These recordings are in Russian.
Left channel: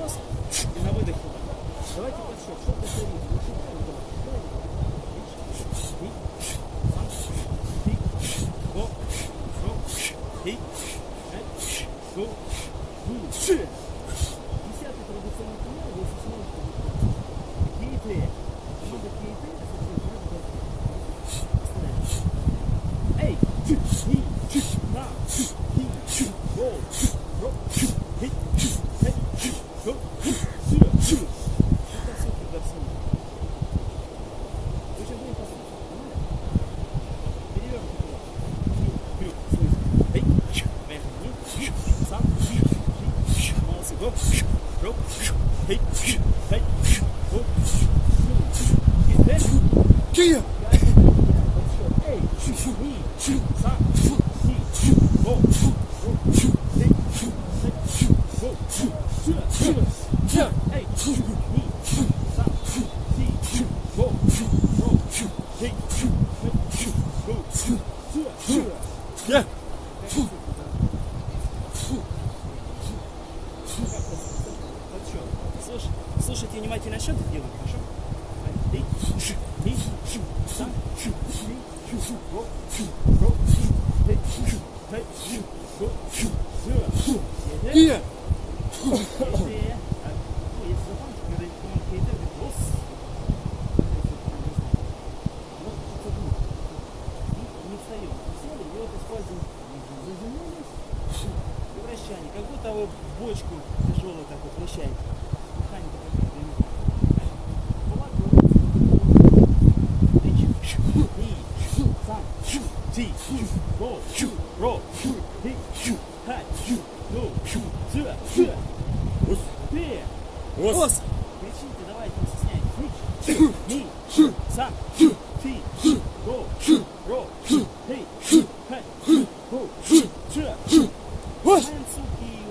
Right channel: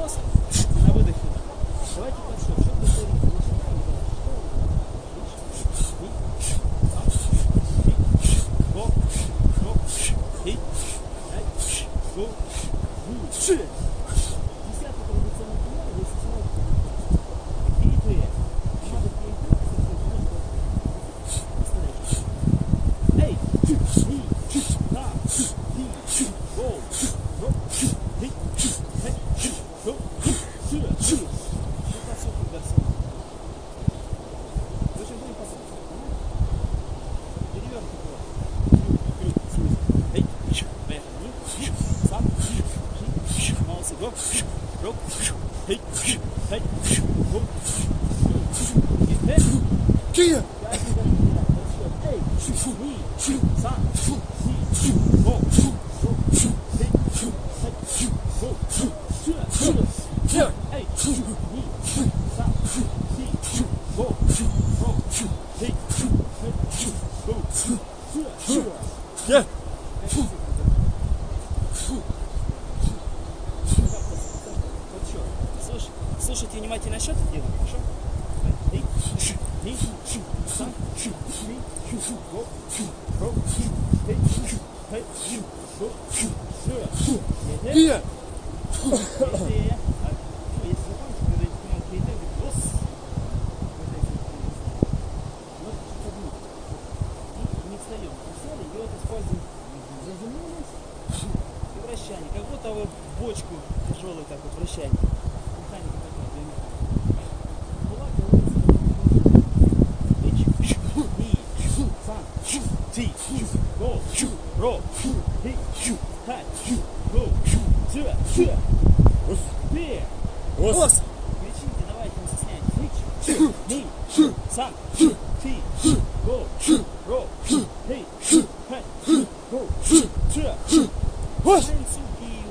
нос и на выдохе. Давайте подсчет. Что ты считаем? Десятый традиционный пример, если сможете. Перейти. Команда перейти. Эй! Слушайте внимательно счет и делаем, хорошо? Как будто вы бочку тяжелой так вот вращаете.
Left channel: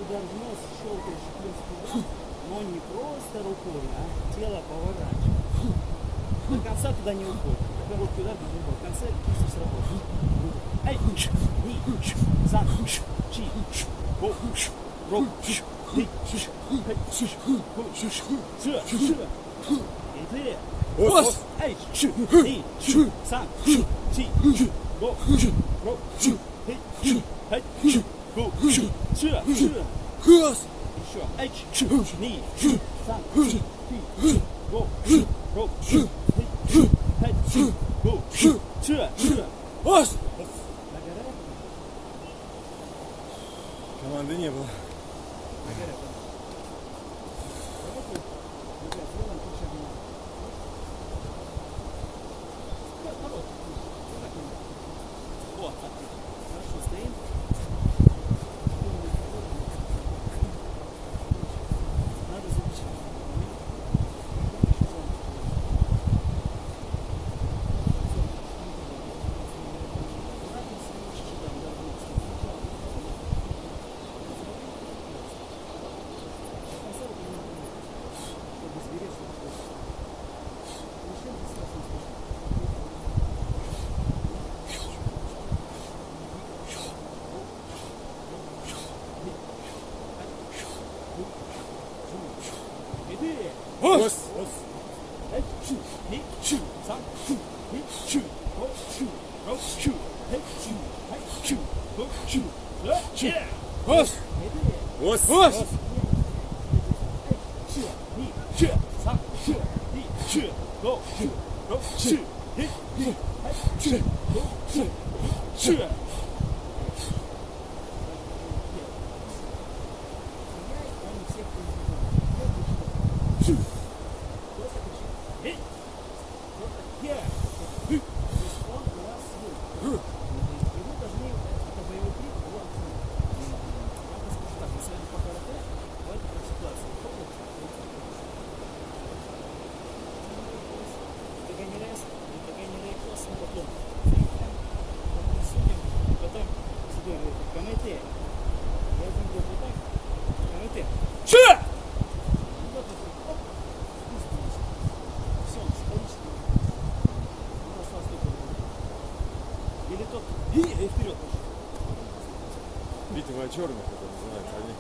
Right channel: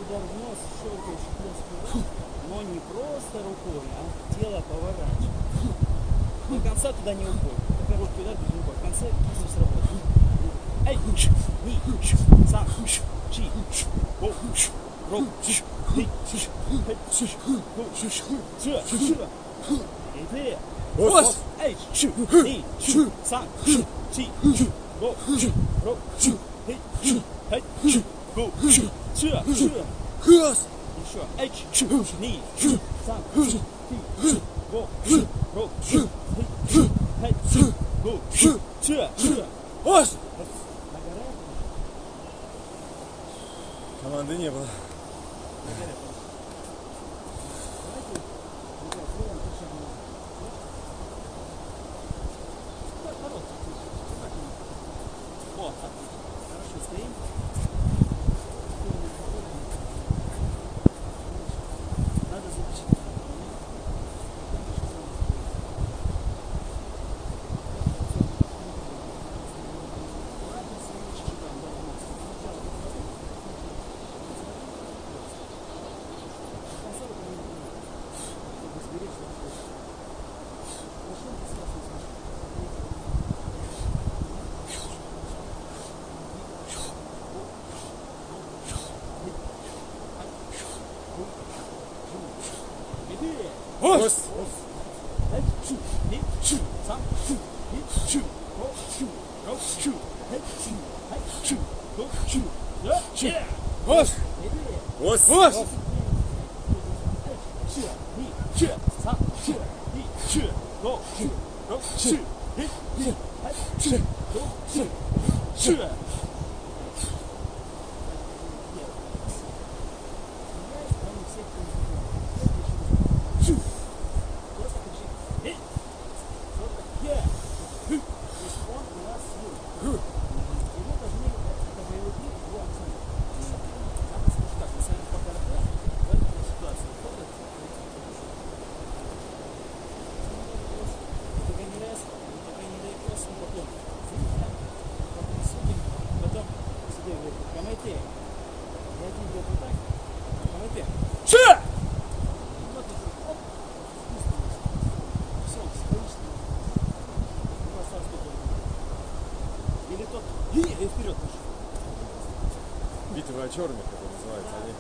Удар в нос, щелкаешь, но не просто рукой, а тело поворачивает. До конца туда не уходит. Короткий удар без удар. В конце не сработает. Ай, сам, чи, го, ро, ай, сам, чи, го, ро, еще. Ай, сам, го, ро, Команды не было. Вот, отлично. Хорошо, стоим. Надо запечатлеть. Или тот и вперед пошел. Битва черных, это называется, они.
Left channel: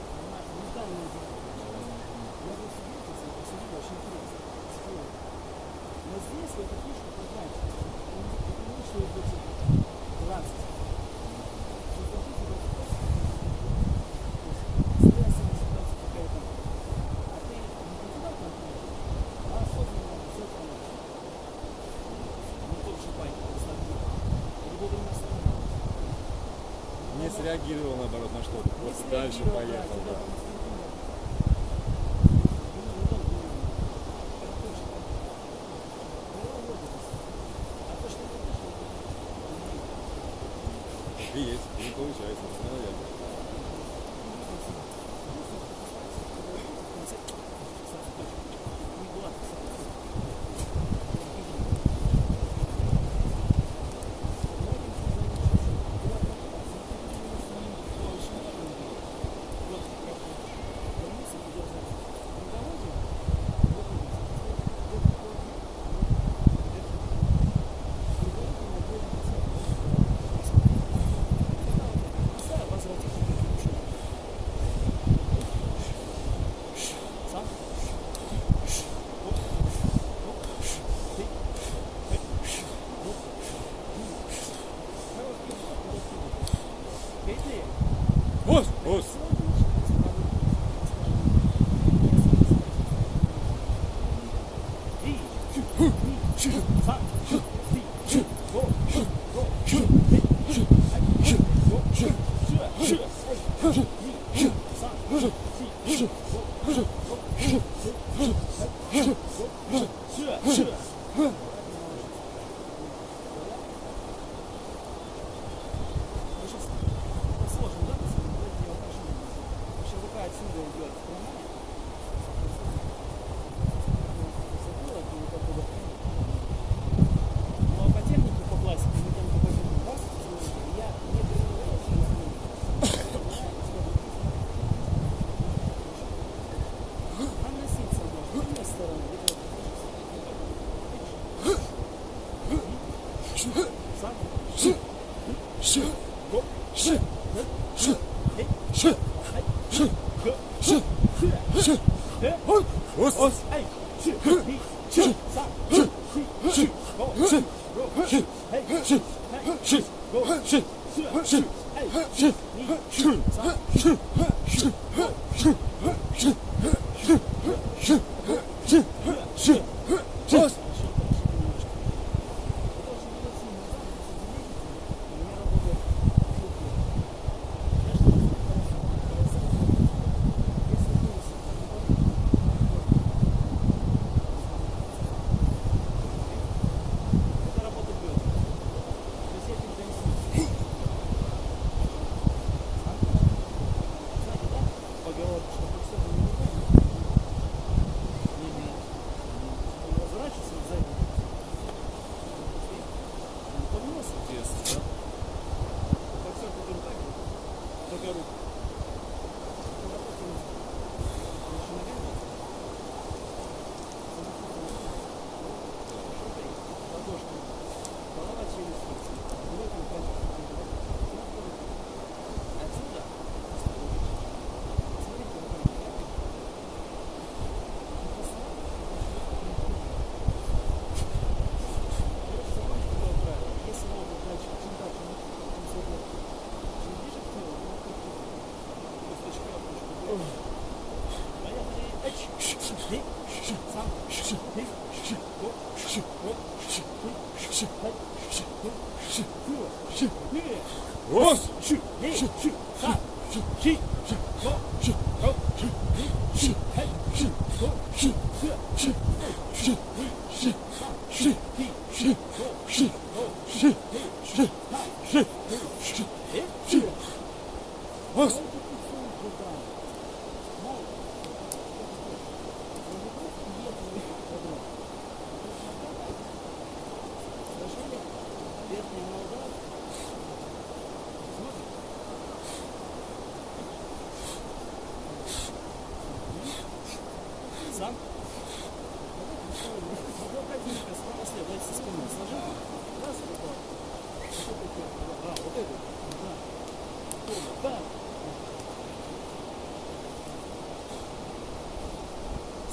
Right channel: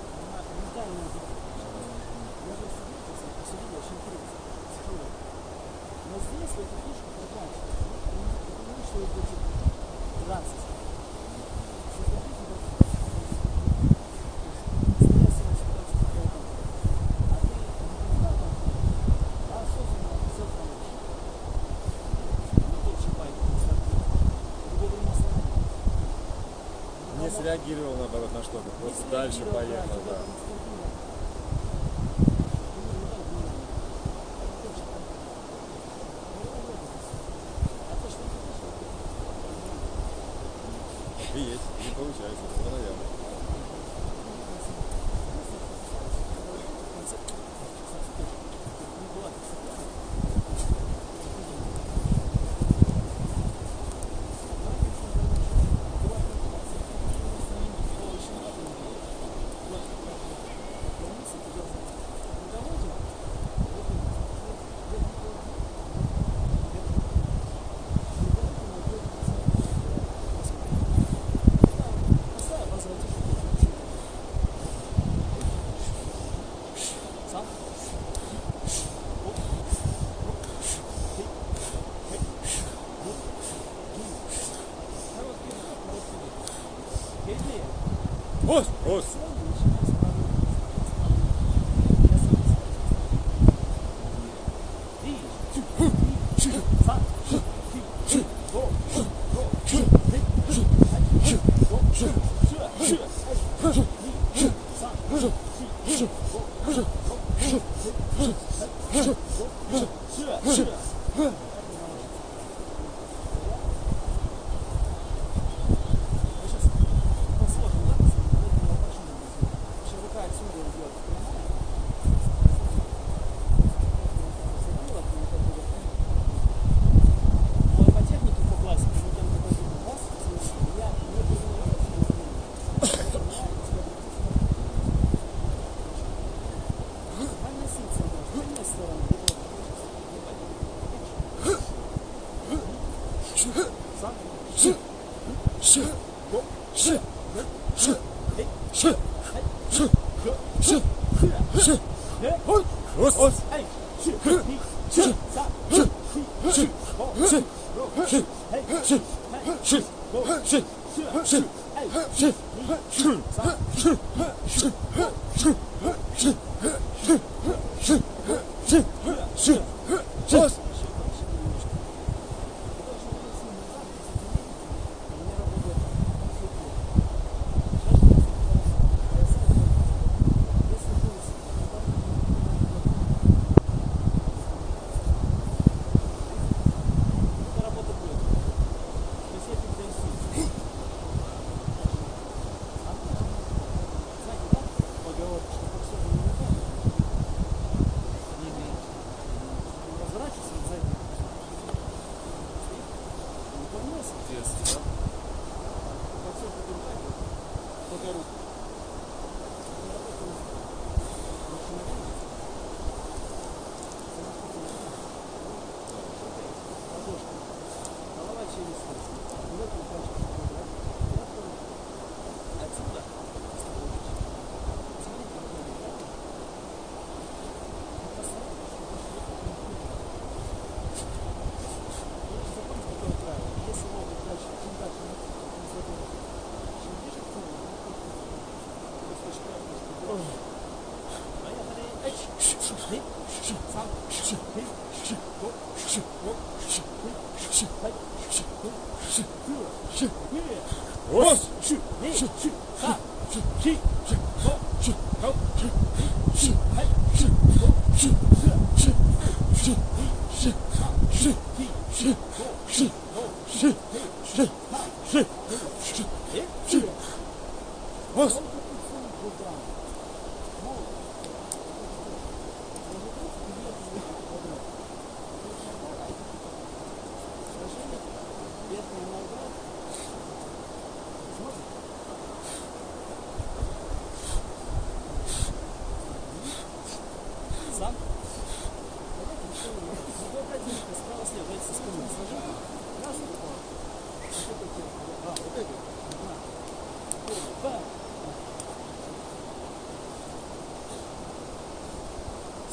среагировал, наоборот, на что-то. Просто дальше поехал, да. И есть, не получается, все наверное. Ос, ос.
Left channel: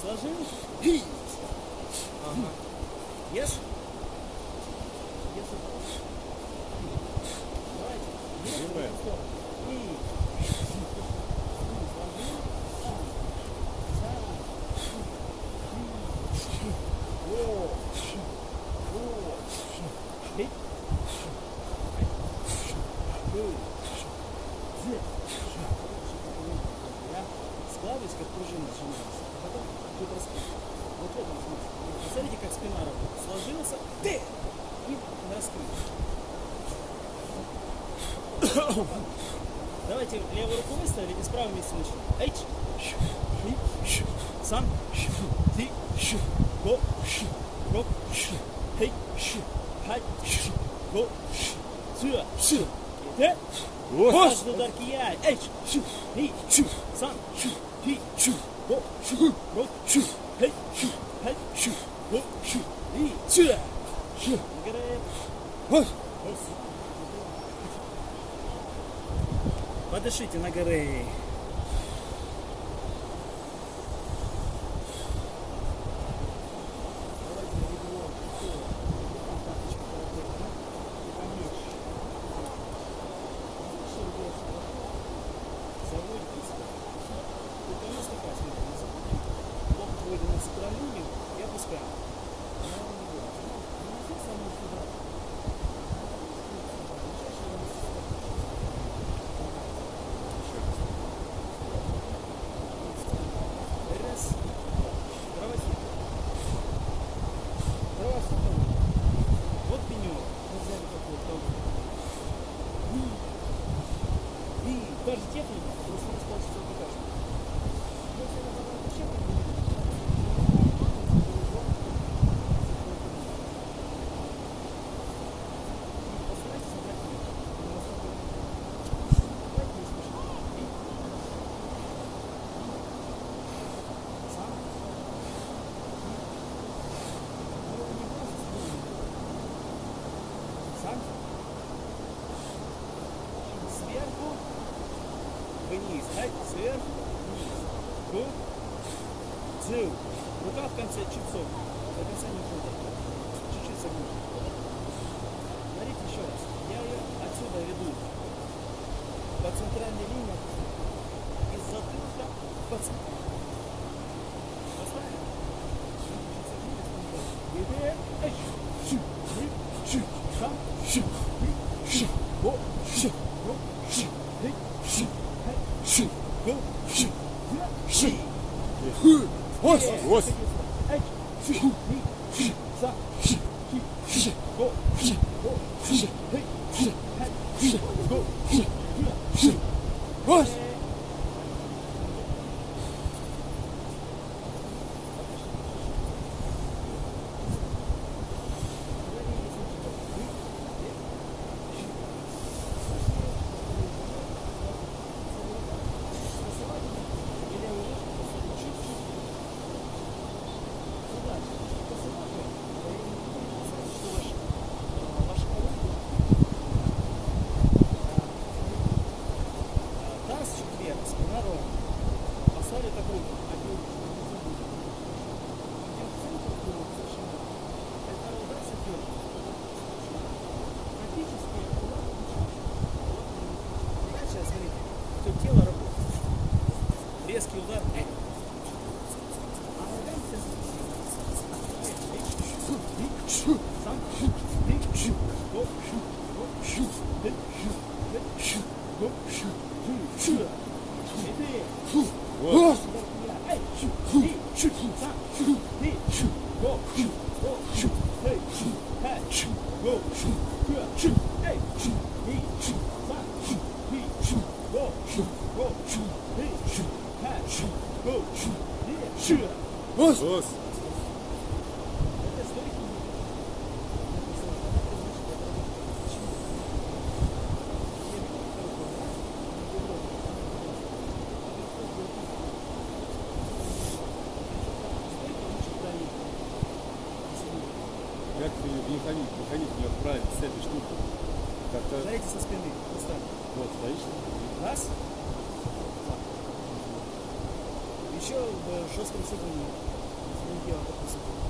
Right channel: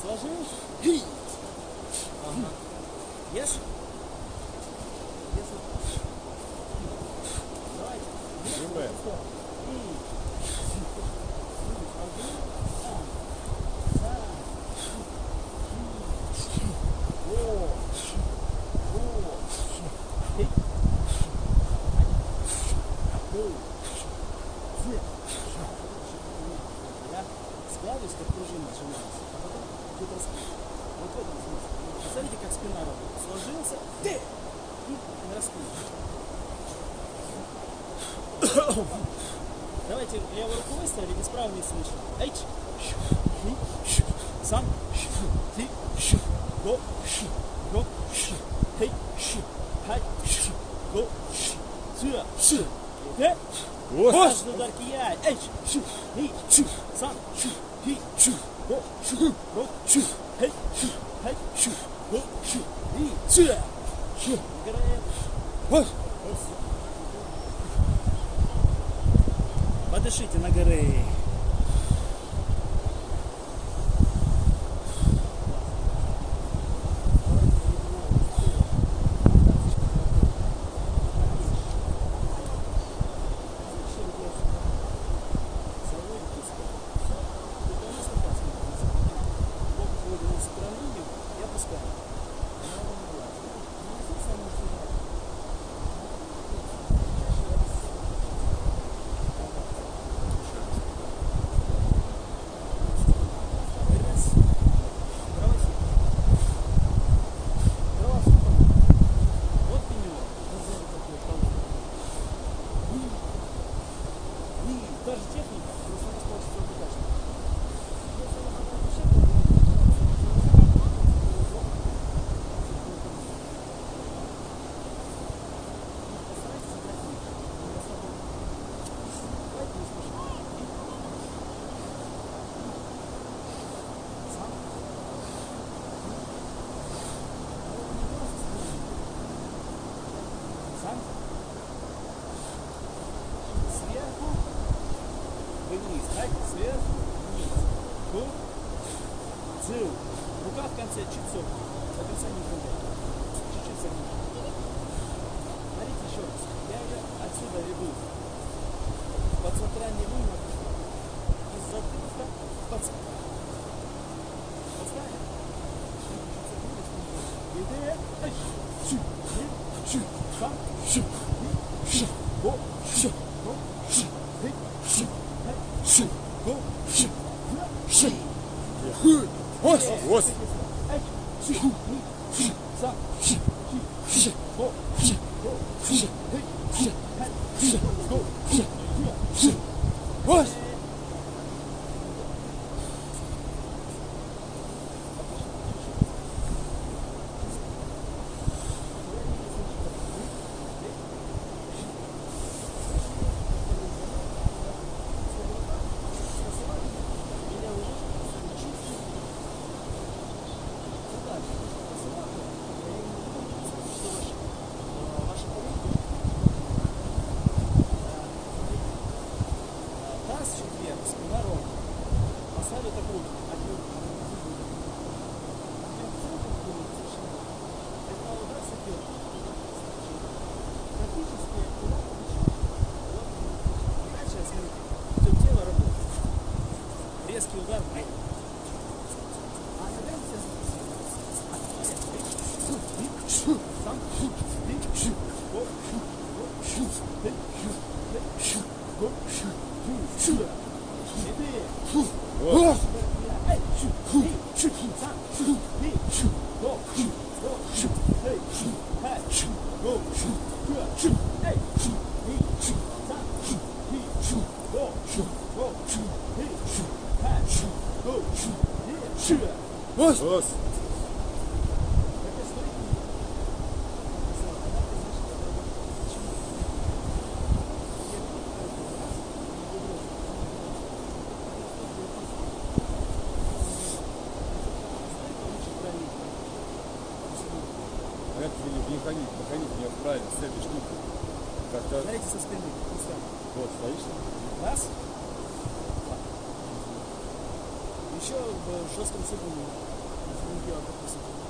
Сложилось? Ага. Ешь? Давайте. как пружина сжимается. А потом тут раскрыть. Вот в этом смысле. Посмотрите, как спина работает. Сложился, ты! И раскрыть. Давайте левую руку выставили и справа не слышно. Эйч! Сам! Ты! Го! Го! Хей! Хай! Го! Сюда! Сюда! Э? Каждый удар кияет! Эйч! Хей! Сам! Ты! Го! Го! Хей! Хай! Го! И! Сюда! Подышите на горы. Та же техника, просто не получится удачно. Если я подам ошибку, постарайтесь собрать них. Давайте не слушайте. Сам. Сам. Сверху. Вниз, сверху, вниз. Цил. Рука в конце чипсов. До конца не хватает. Чуть-чуть согнуть. Смотрите еще раз. Я ее отсюда веду. По центральной линии. Из затылка по центру. Поставим? Чуть-чуть согнулись. Сам. Го. Го. Резкий удар. Как выходить не правильно с этой штукой. Как-то... Знаете, со спины. Вот, стоишь. Раз. Два. Еще в жестком сыгрании. Если не делать такой сыгранный.